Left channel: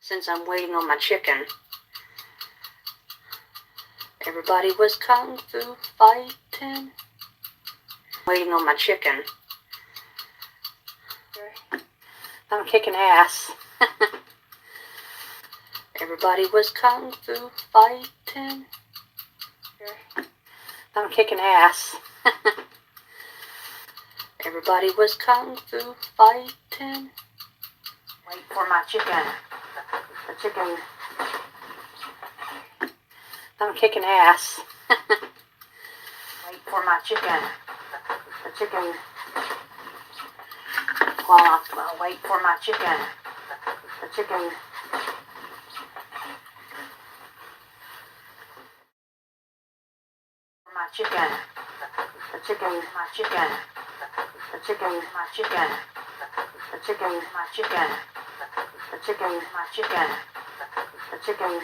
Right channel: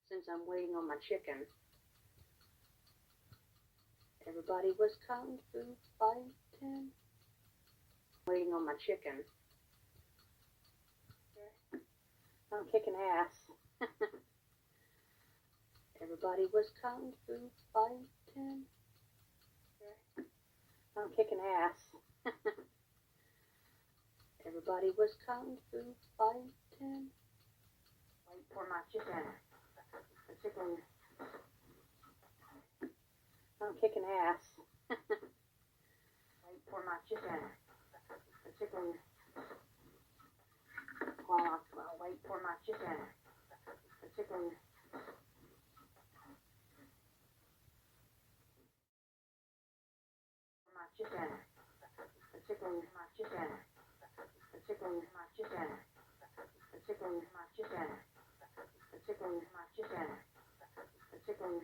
since I'm waiting on my chicken. Everybody was kung fu fighting. Waiting on my chicken. I'm kicking ass. Everybody was kung fu fighting. I'm kicking ass. Everybody was kung fu fighting. Wait for my chicken. The chicken. I'm kicking ass. Wait for my chicken. The chicken. Well, I'll wait for my chicken. The chicken. My chicken. The chicken. My chicken. The chicken. My chicken. The chicken. My chicken. The chicken. My chicken. The chicken.